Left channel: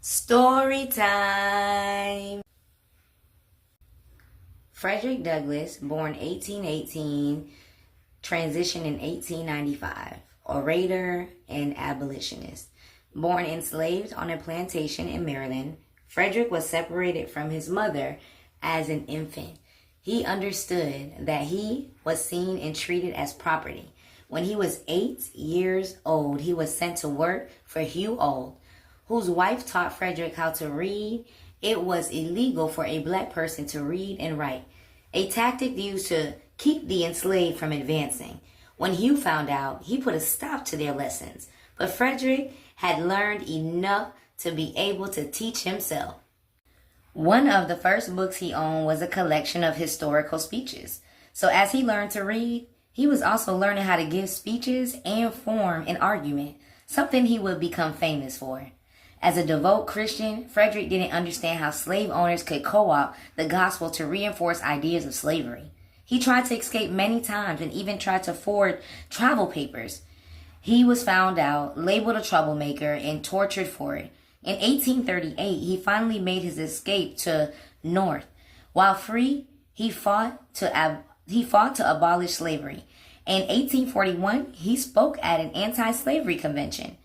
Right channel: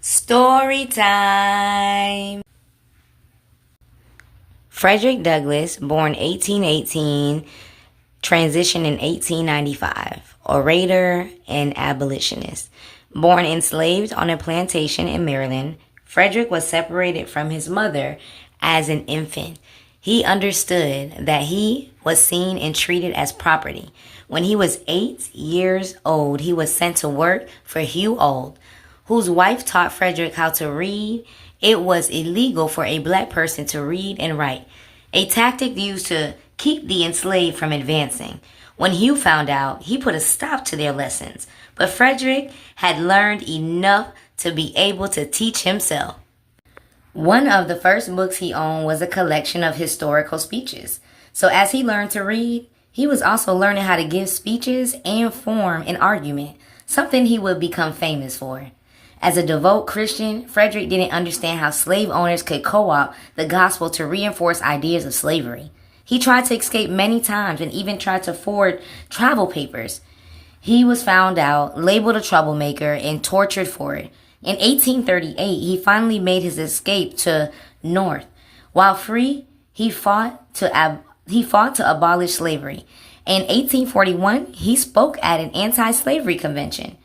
Story time. Frederick Douglass, born 1818, transitioned in 1895, orator and abolitionist. Born enslaved on a plantation in Maryland, Frederick was separated from his mother as an infant. He understood that he was seen and treated as property. When he was 8 years old, he was sent to work for Hugh Old, whose wife taught Frederick how to read. It was illegal for a black person to read and write, a tactic used to keep the enslaved from advancing. When Hugh found out, he put a stop to their lessons, but Frederick had learned enough to be able to teach himself. One of the first books he owned was a collection of historical speeches. So as he learned to read, he was also learning how to give speeches and form an argument, something he would become famous for. As a devout Christian, Frederick didn't understand how slave owners could co-opt the gospel to reinforce ideas of slavery. He tried to escape many times and even tried to forward travel papers. He was found out, labeled a troublemaker, and tortured for it. In 1838, he finally made his escape to North. While free, he fought to abolish slavery. In 1841, he spoke at an anti-slavery convention.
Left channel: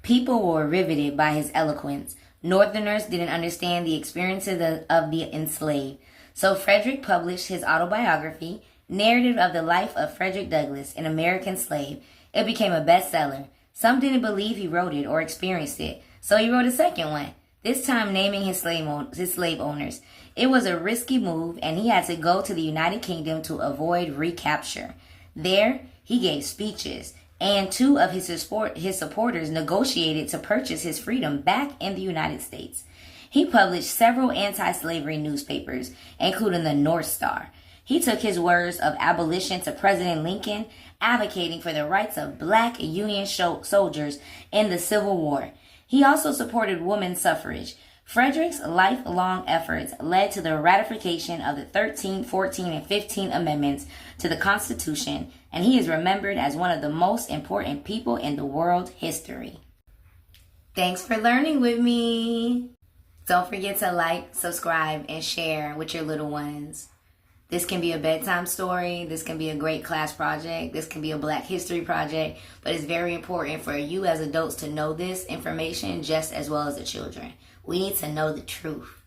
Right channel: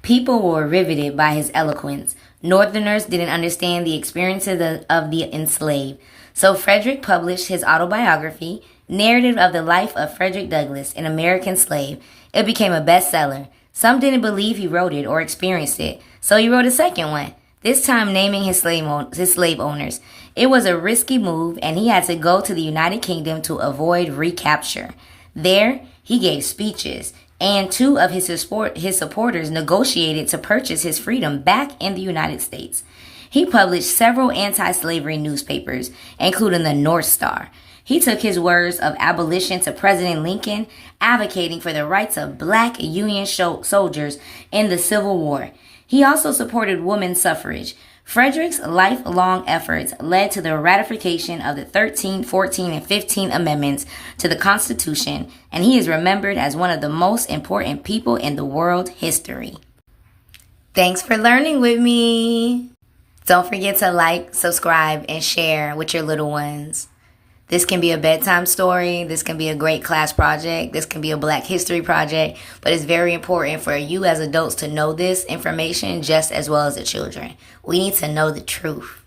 People were riveted by his eloquence. Northerners didn't understand the experiences of the enslaved. So Frederick published his autobiography, Narrative of the Life of Frederick Douglass, an American Slave. It became a bestseller. Some didn't believe he wrote it or experienced it, so he wrote a second one, this time naming his slave owners. It was a risky move, and he had to go to the United Kingdom to avoid recapture. There, he gave speeches, and two of his supporters negotiated to purchase his freedom back in the United States. He published several anti-slavery newspapers, including the North Star. He took his words of abolition to President Lincoln, advocating for the rights of black Union soldiers in the Civil War. He also supported women's suffrage. Frederick's lifelong efforts led to the ratification of the 13th, 14th, and 15th Amendments to the Constitution, and he is remembered as one of the most important people in the world history. Thanks for learning with me. Don't forget to like, subscribe, and share with your little ones. This can be a bedtime story. This can be a great class project. This can be a Black History project. But it's very important for you as adults to know this information just as well as the children. We need to know the truth.